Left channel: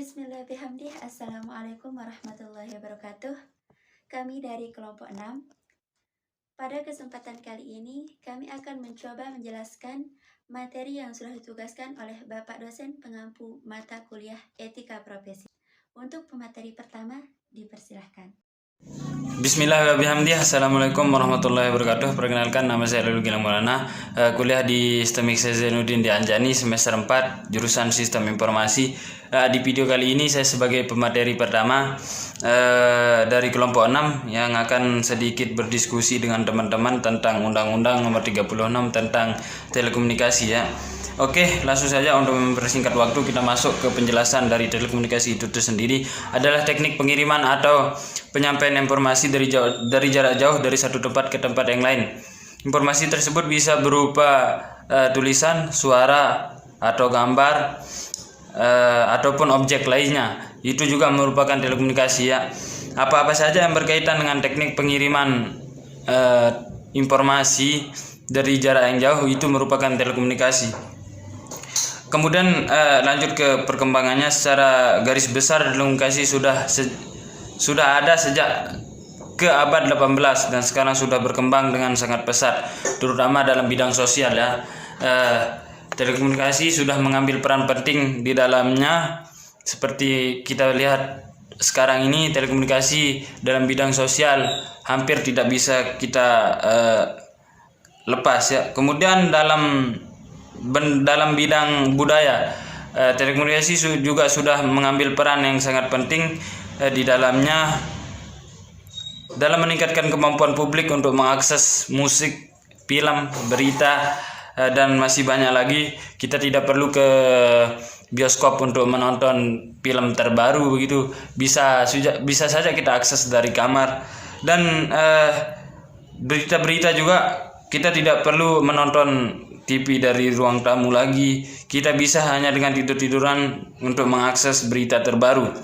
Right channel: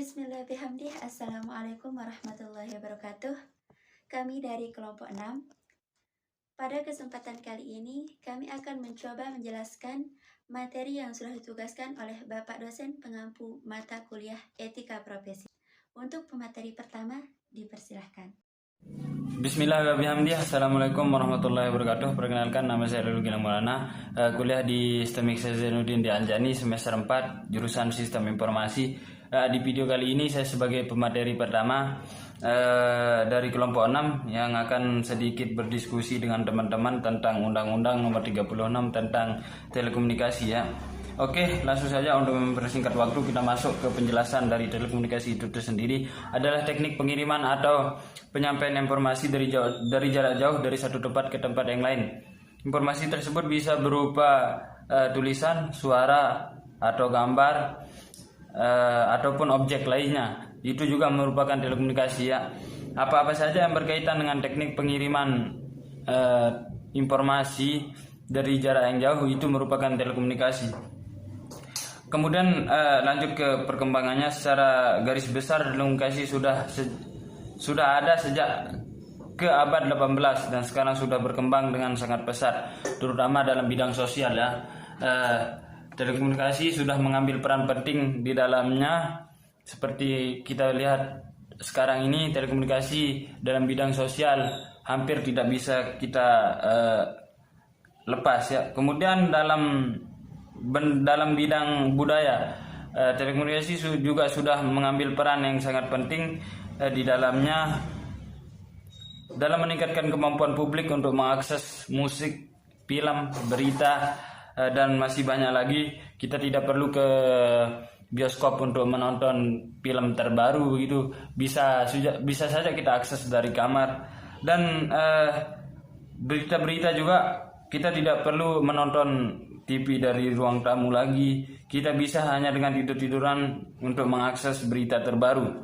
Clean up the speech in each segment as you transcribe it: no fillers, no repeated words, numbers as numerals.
Bismillahirrahmanirrahim. Assalamualaikum warahmatullahi wabarakatuh. Kami dari kelompok 6. Pada kesempatan kali ini, kami akan mencoba menjelaskan materi yang sudah ditugaskan oleh Bapak dosen pengampu mata kuliah Etika Profesi. Untuk pemateri pertama, dipersilahkan. Bismillahirrahmanirrahim. Assalamualaikum warahmatullahi wabarakatuh. Perkenalkan, nama saya Lalu Gilang Maulana, kuliah di STEMIK Zainuddin di Anjani semester 4 jurusan Sistem Informasi. Di video kali ini saya sebagai pemateri pertama dari kelompok 6 yang akan sedikit berdiskusi dengan teman-teman tentang Undang-Undang Nomor 36 tentang telekomunikasi ya. Oke, langsung saja untuk mempersingkat waktu kita masuk ke penjelasan dari telekomunikasi itu sendiri adalah teknik pengiriman atau penyampaian informasi dari jarak jauh dari satu tempat ke tempat yang lain. Informasi tersebut bisa berupa tulisan, suara, atau gambar, ataupun objek lainnya. Itu juga merupakan telekomunikasi ya. Apa-apa saja yang berkaitan dengan teknik pengiriman informasi dari jarak yang jauh itu merupakan telekomunikasi. Kemudian lanjut ke perkembangannya secara garis besar, telekomunikasi sudah ada sejak ke abad 18 dan sekarang sudah berkembang dengan sangat pesat, terutama dalam bidang sosial ya. Telekomunikasi sudah mengambil peran penting di dalamnya, seperti kita lihat sekarang ini telekomunikasi dalam bidang sosial hampir tidak bisa kita lepas ya. Kemudian dalam bidang budaya, telekomunikasi juga sudah mengambil peran yang sangat penting di dalamnya dalam meningkatkan kemampuan publik untuk mengakses musik, film, berita, dan masih banyak lagi. Kita tidak perlu ke bioskop untuk menonton film terbaru begitu, bisa saja kita akses dari kamar. Dan berita-berita juga kita tidak perlu menonton TV dari ruang tamu lagi. Kita bisa hanya dengan tidur-tiduran untuk mengakses berita terbaru.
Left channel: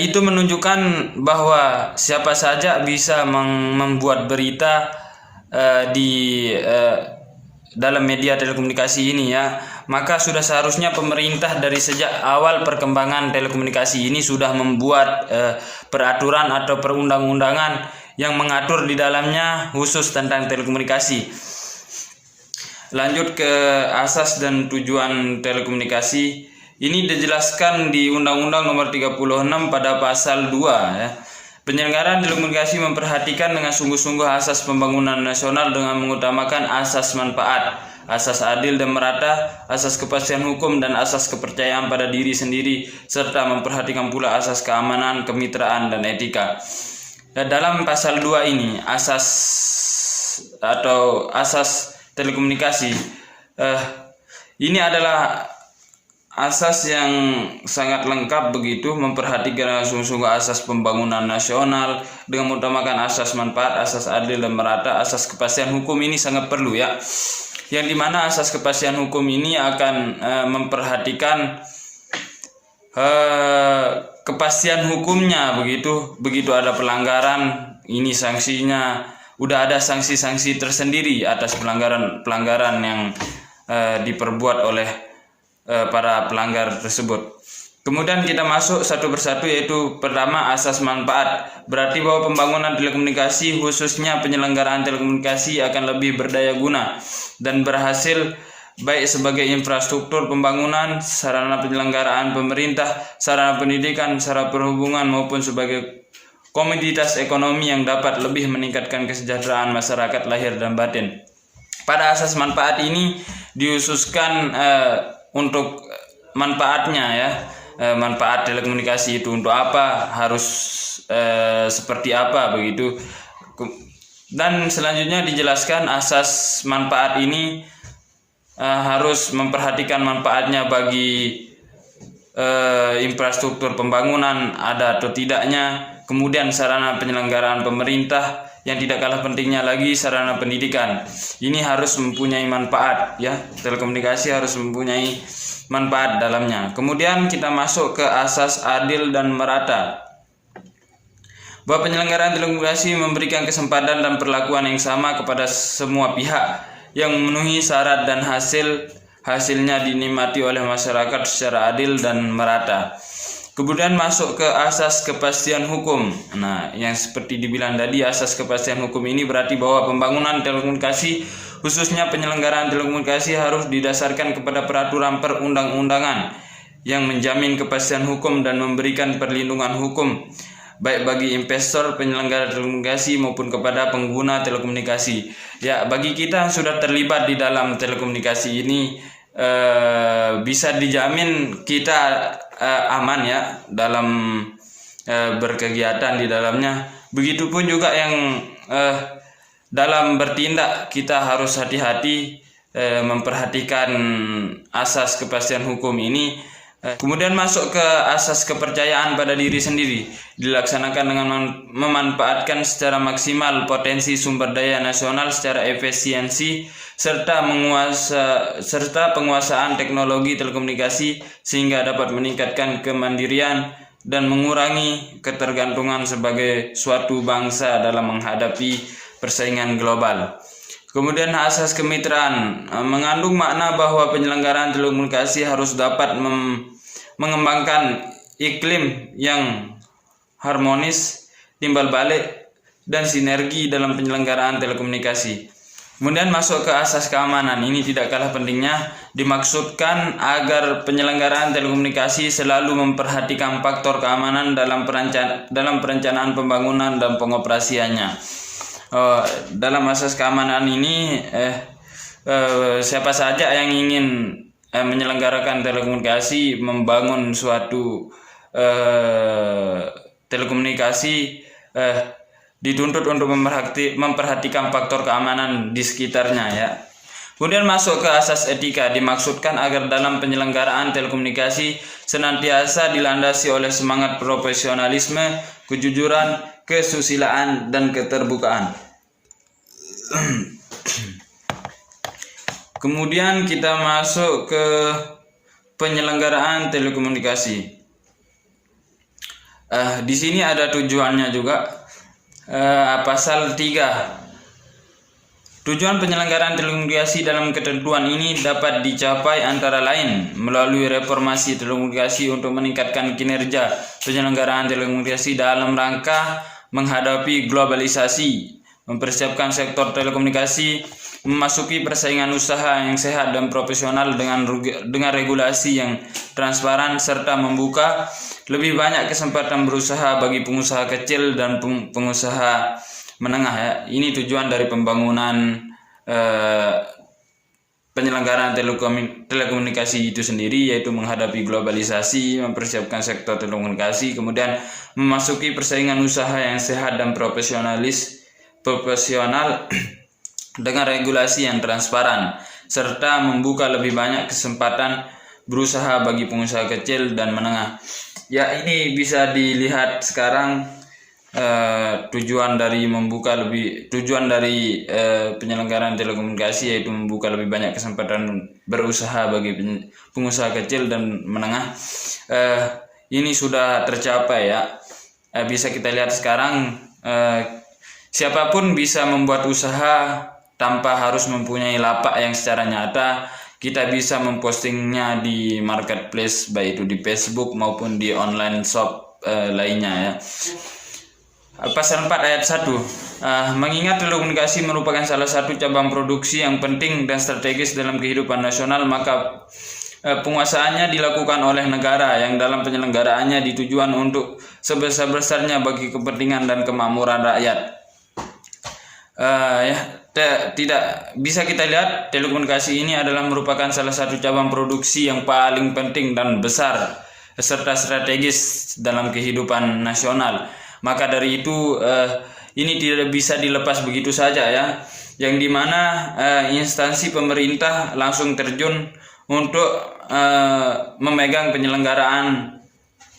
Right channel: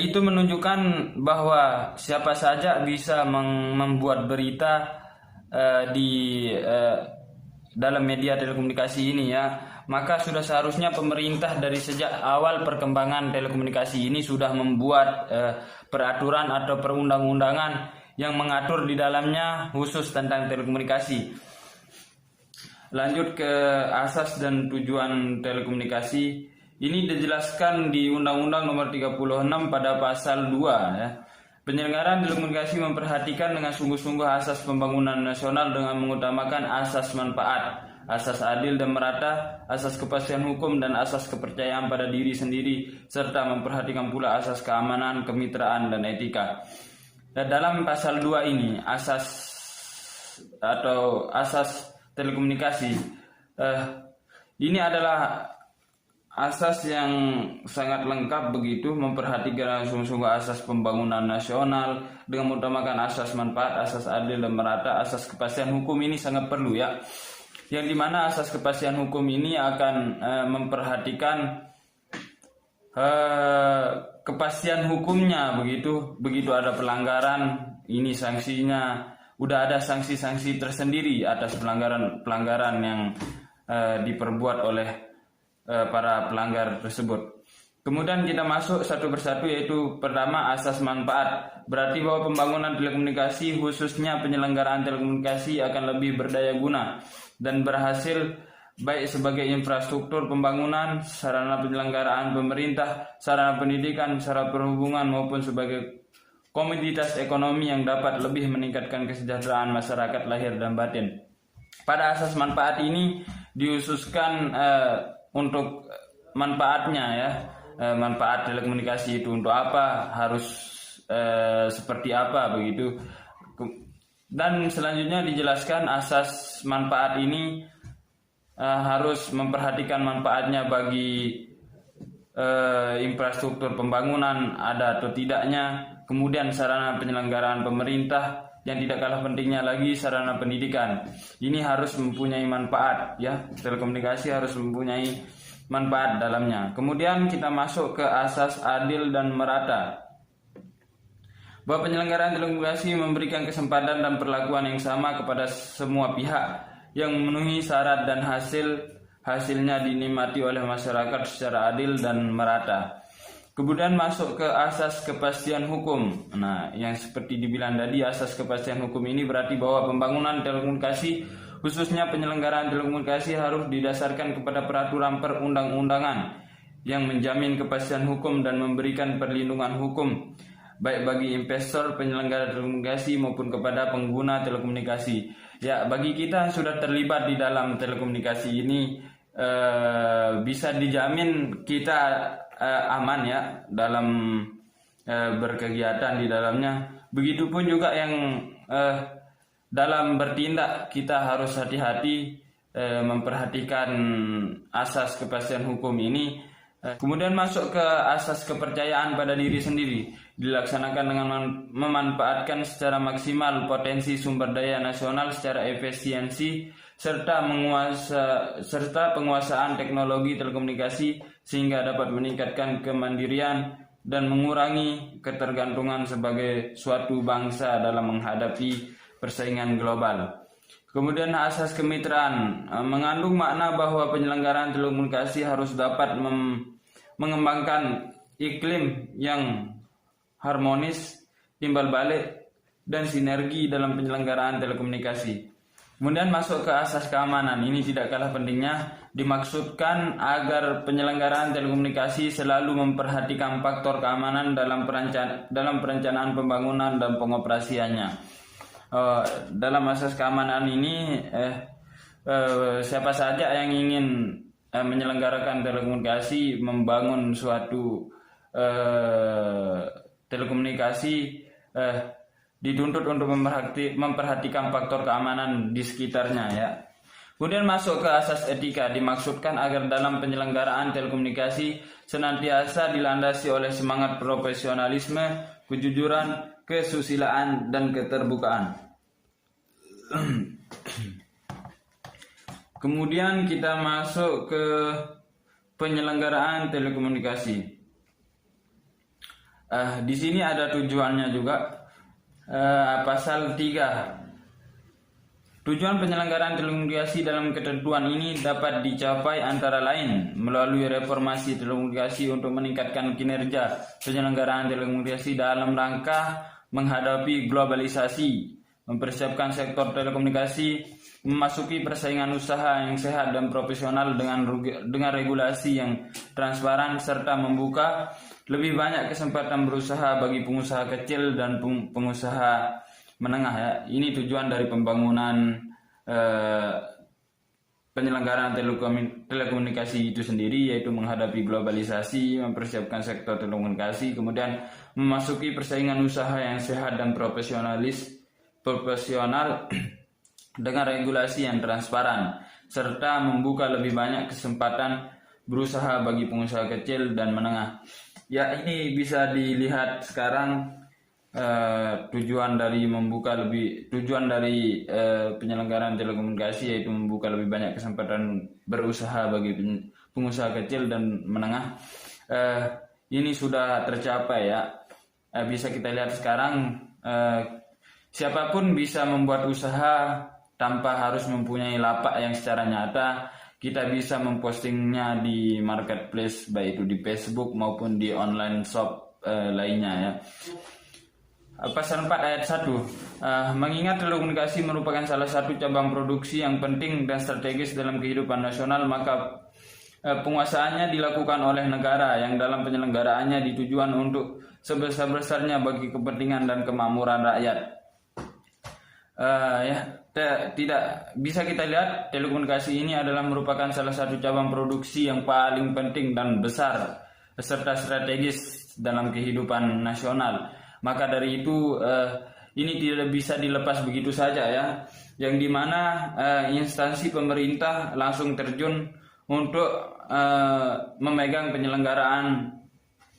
Itu menunjukkan bahwa siapa saja bisa membuat berita di dalam media telekomunikasi ini ya. Maka sudah seharusnya pemerintah dari sejak awal perkembangan telekomunikasi ini sudah membuat peraturan atau perundang-undangan yang mengatur di dalamnya khusus tentang telekomunikasi. Lanjut ke asas dan tujuan telekomunikasi. Ini dijelaskan di Undang-Undang Nomor 36 pada pasal 2 ya. Penyelenggaraan telekomunikasi memperhatikan dengan sungguh-sungguh asas pembangunan nasional dengan mengutamakan asas manfaat, asas adil dan merata, asas kepastian hukum, dan asas kepercayaan pada diri sendiri, serta memperhatikan pula asas keamanan, kemitraan, dan etika. Dan dalam pasal 2 ini, asas telekomunikasi, ini adalah asas yang sangat lengkap begitu, memperhatikan sungguh-sungguh asas pembangunan nasional dengan mengutamakan asas manfaat, asas adil dan merata, asas kepastian hukum. Ini sangat perlu ya, yang dimana asas kepastian hukum ini akan memperhatikan kepastian hukumnya begitu ada pelanggaran, ini sanksinya. Udah ada sanksi-sanksi tersendiri atas pelanggaran yang diperbuat oleh para pelanggar tersebut. Kemudian kita masuk satu persatu, yaitu pertama asas manfaat. Berarti bahwa pembangunan telekomunikasi khususnya penyelenggaraan telekomunikasi akan lebih berdaya guna dan berhasil baik sebagai infrastruktur pembangunan, sarana penyelenggaraan pemerintah, sarana pendidikan, sarana perhubungan, maupun sebagai komoditas ekonomi yang dapat lebih meningkatkan kesejahteraan masyarakat lahir dan batin. Pada asas manfaat ini dihususkan untuk manfaatnya ya, manfaat telekomunikasi itu untuk apa, harus seperti apa begitu. Dan selanjutnya dijelaskan asas manfaat ini harus memperhatikan manfaatnya bagi infrastruktur pembangunan ada atau tidaknya. Kemudian sarana penyelenggaraan pemerintah, yang tidak kalah pentingnya lagi sarana pendidikan. Ini harus mempunyai manfaat ya, telekomunikasi harus mempunyai manfaat dalamnya. Kemudian kita masuk ke asas adil dan merata. Bahwa penyelenggaraan telekomunikasi memberikan kesempatan dan perlakuan yang sama kepada semua pihak yang memenuhi syarat dan hasilnya dinikmati oleh masyarakat secara adil dan merata. Kemudian masuk ke asas kepastian hukum. Nah, yang seperti dibilang tadi, asas kepastian hukum ini berarti bahwa pembangunan telekomunikasi, khususnya penyelenggaraan telekomunikasi, harus didasarkan kepada peraturan perundang-undangan yang menjamin kepastian hukum dan memberikan perlindungan hukum baik bagi investor, penyelenggara telekomunikasi maupun kepada pengguna telekomunikasi. Ya, bagi kita yang sudah terlibat di dalam telekomunikasi ini, bisa dijamin kita aman ya dalam berkegiatan di dalamnya. Begitupun juga yang dalam bertindak, kita harus hati-hati memperhatikan asas kepastian hukum ini. Kemudian masuk ke asas kepercayaan pada diri sendiri, dilaksanakan dengan memanfaatkan secara maksimal potensi sumber daya nasional secara efisiensi serta penguasaan teknologi telekomunikasi sehingga dapat meningkatkan kemandirian dan mengurangi ketergantungan sebagai suatu bangsa dalam menghadapi persaingan global. Kemudian asas kemitraan mengandung makna bahwa penyelenggaraan telekomunikasi harus dapat mengembangkan iklim yang harmonis, timbal balik, dan sinergi dalam penyelenggaraan telekomunikasi. Kemudian masuk ke asas keamanan. Ini tidak kalah pentingnya, dimaksudkan agar penyelenggaraan telekomunikasi selalu memperhatikan faktor keamanan dalam perencanaan pembangunan dan pengoperasiannya. Dalam asas keamanan ini, siapa saja yang ingin menyelenggarakan telekomunikasi, membangun suatu telekomunikasi, dituntut untuk memperhatikan faktor keamanan di sekitarnya ya. Kemudian masuk ke asas etika, dimaksudkan agar dalam penyelenggaraan telekomunikasi senantiasa dilandasi oleh semangat profesionalisme, kejujuran, kesusilaan, dan keterbukaan. Kemudian kita masuk ke penyelenggaraan telekomunikasi. Di sini ada tujuannya juga. Pasal 3. Tujuan penyelenggaraan telekomunikasi dalam ketentuan ini dapat dicapai antara lain melalui reformasi telekomunikasi untuk meningkatkan kinerja penyelenggaraan telekomunikasi dalam rangka menghadapi globalisasi, mempersiapkan sektor telekomunikasi memasuki persaingan usaha yang sehat dan profesional dengan regulasi yang transparan serta membuka lebih banyak kesempatan berusaha bagi pengusaha kecil dan pengusaha menengah ya. Ini tujuan dari pembangunan penyelenggaraan telekomunikasi itu sendiri, yaitu menghadapi globalisasi, mempersiapkan sektor telekomunikasi, kemudian memasuki persaingan usaha yang sehat dan profesional dengan regulasi yang transparan serta membuka lebih banyak kesempatan berusaha bagi pengusaha kecil dan menengah. Ya, ini bisa dilihat sekarang tujuan dari penyelenggaraan telekomunikasi yaitu membuka lebih banyak kesempatan berusaha bagi pengusaha kecil dan menengah. Ini sudah tercapai ya. Bisa kita lihat sekarang siapapun bisa membuat usaha tanpa harus mempunyai lapak yang secara nyata. Kita bisa mempostingnya di marketplace, baik itu di Facebook maupun di online shop lainnya ya. Pasal 4 ayat 1. Mengingat telekomunikasi merupakan salah satu cabang produksi yang penting dan strategis dalam kehidupan nasional, maka penguasaannya dilakukan oleh negara yang dalam penyelenggaraannya ditujuan untuk sebesar-besarnya bagi kepentingan dan kemakmuran rakyat. Tidak bisa kita lihat telekomunikasi ini adalah merupakan salah satu cabang produksi yang paling penting dan besar serta strategis dalam kehidupan nasional. Maka dari itu ini tidak bisa dilepas begitu saja ya, yang dimana instansi pemerintah langsung terjun untuk memegang penyelenggaraan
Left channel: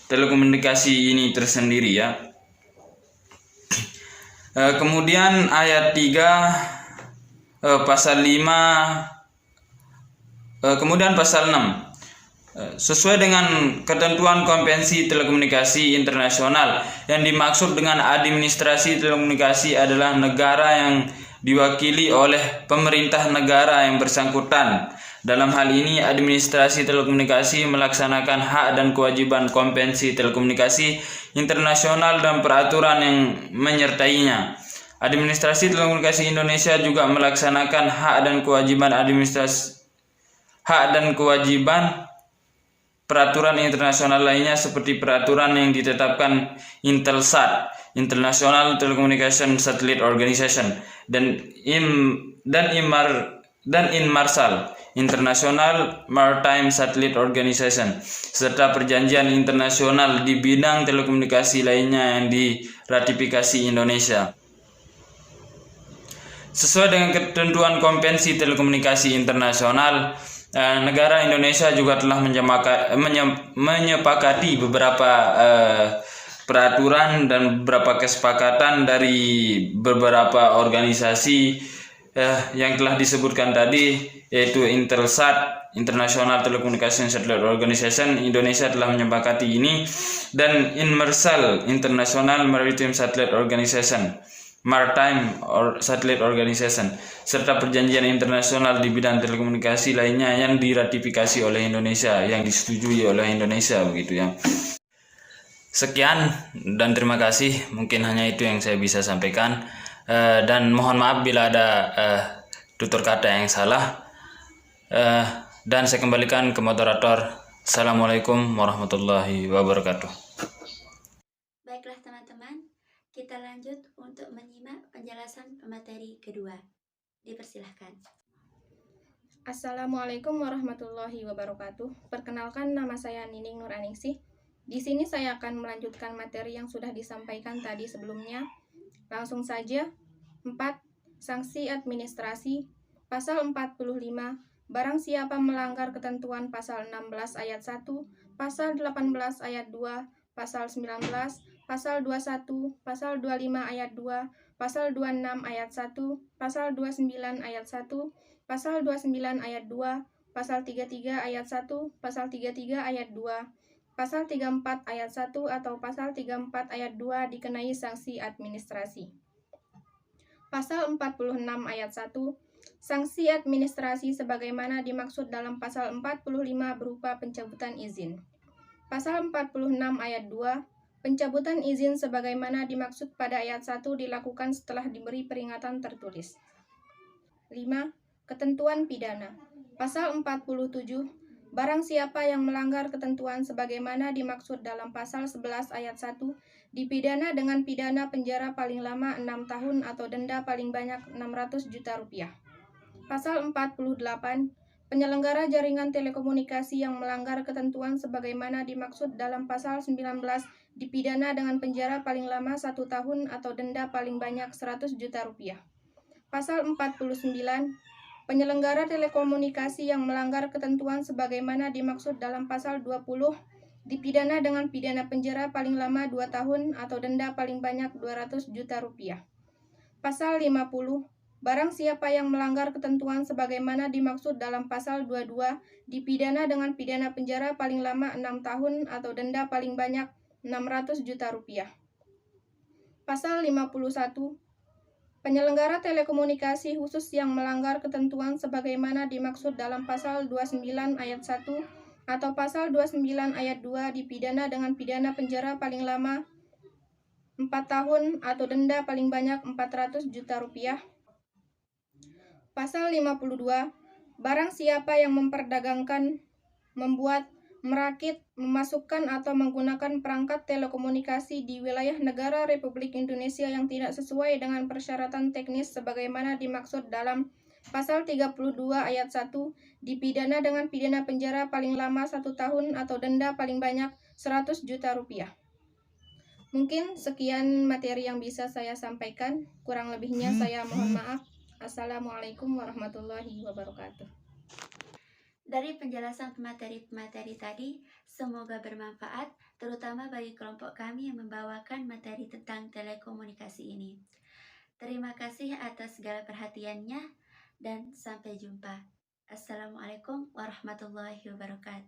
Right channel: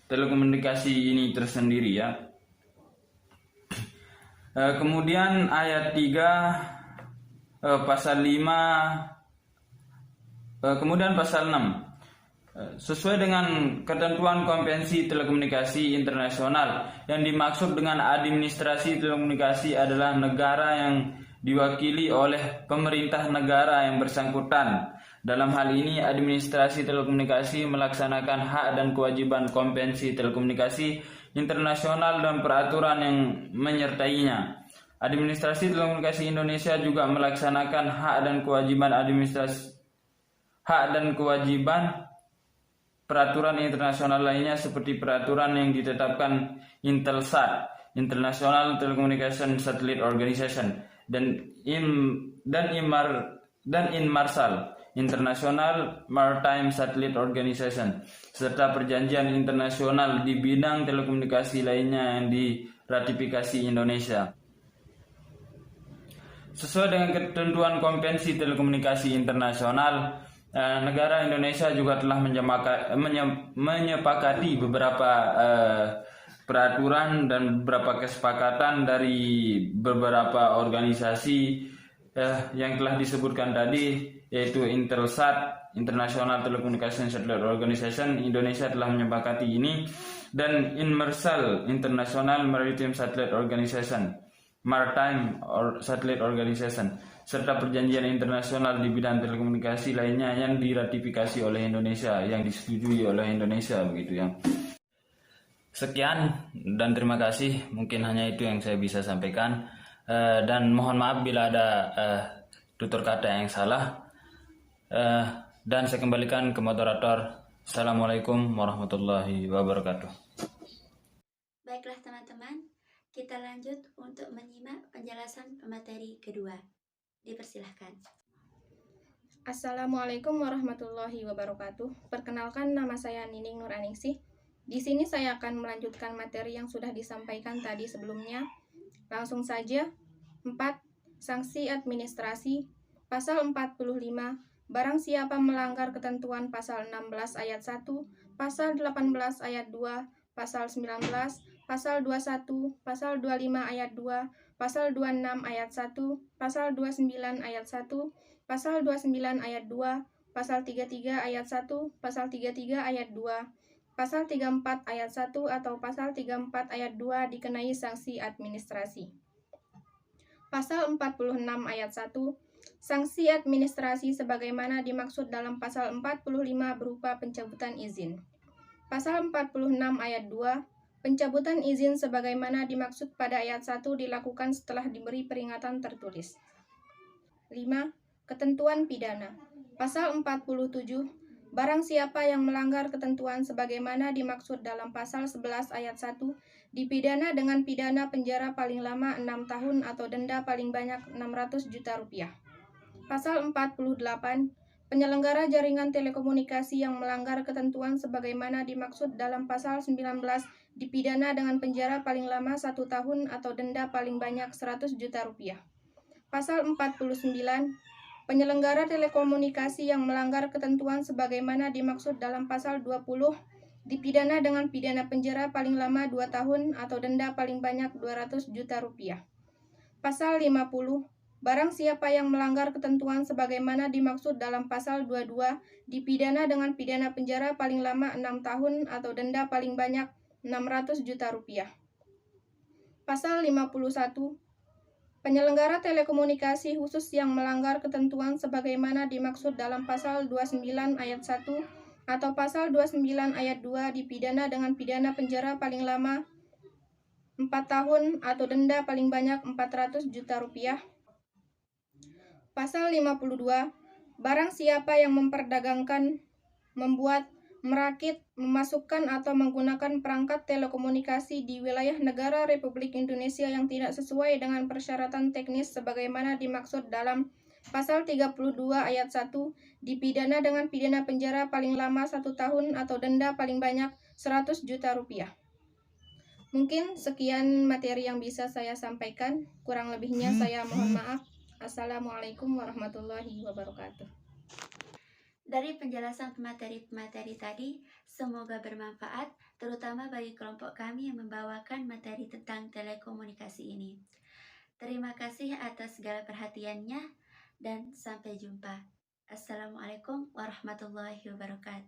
telekomunikasi ini tersendiri ya. Kemudian ayat 3 pasal 5 kemudian pasal 6. Sesuai dengan ketentuan Konvensi Telekomunikasi Internasional, yang dimaksud dengan administrasi telekomunikasi adalah negara yang diwakili oleh pemerintah negara yang bersangkutan Dalam hal ini, administrasi telekomunikasi melaksanakan hak dan kewajiban Konvensi Telekomunikasi Internasional dan peraturan yang menyertainya. Administrasi Telekomunikasi Indonesia juga melaksanakan hak dan kewajiban peraturan internasional lainnya seperti peraturan yang ditetapkan Intelsat, International Telecommunication Satellite Organization, dan Inmarsat, International Maritime Satellite Organization, serta perjanjian internasional di bidang telekomunikasi lainnya yang diratifikasi Indonesia. Sesuai dengan ketentuan Konvensi Telekomunikasi Internasional, negara Indonesia juga telah menyepakati beberapa peraturan dan beberapa kesepakatan dari beberapa organisasi yang telah disebutkan tadi, yaitu Intelsat, International Telecommunication Satellite Organization. Indonesia telah menyepakati ini, dan Inmarsat, International Maritime Satellite Organization, Satellite Organization, serta perjanjian internasional di bidang telekomunikasi lainnya yang diratifikasi oleh Indonesia, yang disetujui oleh Indonesia, begitu ya. Sekian dan terima kasih. Mungkin hanya itu yang saya bisa sampaikan, dan mohon maaf bila ada tutur kata yang salah, dan saya kembalikan ke moderator. Assalamualaikum warahmatullahi wabarakatuh. Baiklah teman-teman, kita lanjut untuk menyimak penjelasan pemateri kedua. Dipersilahkan. Assalamualaikum warahmatullahi wabarakatuh. Perkenalkan, nama saya Nining Nuraningsih. Di sini saya akan melanjutkan materi yang sudah disampaikan tadi sebelumnya. Langsung saja. 4. Sanksi administrasi. Pasal 45. Barang siapa melanggar ketentuan pasal 16 ayat 1, pasal 18 ayat 2, pasal 19, pasal 21, pasal 25 ayat 2, pasal 26 ayat 1, pasal 29 ayat 1, pasal 29 ayat 2, pasal 33 ayat 1, pasal 33 ayat 2, pasal 34 ayat 1 atau pasal 34 ayat 2 dikenai sanksi administrasi. Pasal 46 ayat 1, sanksi administrasi sebagaimana dimaksud dalam pasal 45 berupa pencabutan izin. Pasal 46 ayat 2, pencabutan izin sebagaimana dimaksud pada ayat 1 dilakukan setelah diberi peringatan tertulis. 5. Ketentuan pidana. Pasal 47, barang siapa yang melanggar ketentuan sebagaimana dimaksud dalam pasal 11 ayat 1 dipidana dengan pidana penjara paling lama 6 tahun atau denda paling banyak 600 juta rupiah. Pasal 48, penyelenggara jaringan telekomunikasi yang melanggar ketentuan sebagaimana dimaksud dalam pasal 19 dipidana dengan penjara paling lama 1 tahun atau denda paling banyak 100 juta rupiah. Pasal 49, penyelenggara telekomunikasi yang melanggar ketentuan sebagaimana dimaksud dalam pasal 20 dipidana dengan pidana penjara paling lama 2 tahun atau denda paling banyak 200 juta rupiah. Pasal 50, barang siapa yang melanggar ketentuan sebagaimana dimaksud dalam pasal 22 dipidana dengan pidana penjara paling lama 6 tahun atau denda paling banyak 600 juta rupiah. Pasal 51, penyelenggara telekomunikasi khusus yang melanggar ketentuan sebagaimana dimaksud dalam pasal 29 ayat 1 atau pasal 29 ayat 2 dipidana dengan pidana penjara paling lama 4 tahun atau denda paling banyak 400 juta rupiah. Pasal 52, barang siapa yang memperdagangkan, membuat, merakit, memasukkan atau menggunakan perangkat telekomunikasi di wilayah negara Republik Indonesia yang tidak sesuai dengan persyaratan teknis sebagaimana dimaksud dalam pasal 32 ayat 1 dipidana dengan pidana penjara paling lama 1 tahun atau denda paling banyak 100 juta rupiah. Mungkin sekian materi yang bisa saya sampaikan. Kurang lebihnya saya mohon maaf. Assalamualaikum warahmatullahi wabarakatuh. Dari penjelasan pemateri-pemateri tadi, semoga bermanfaat, terutama bagi kelompok kami yang membawakan materi tentang telekomunikasi ini. Terima kasih atas segala perhatiannya, dan sampai jumpa. Assalamualaikum warahmatullahi wabarakatuh.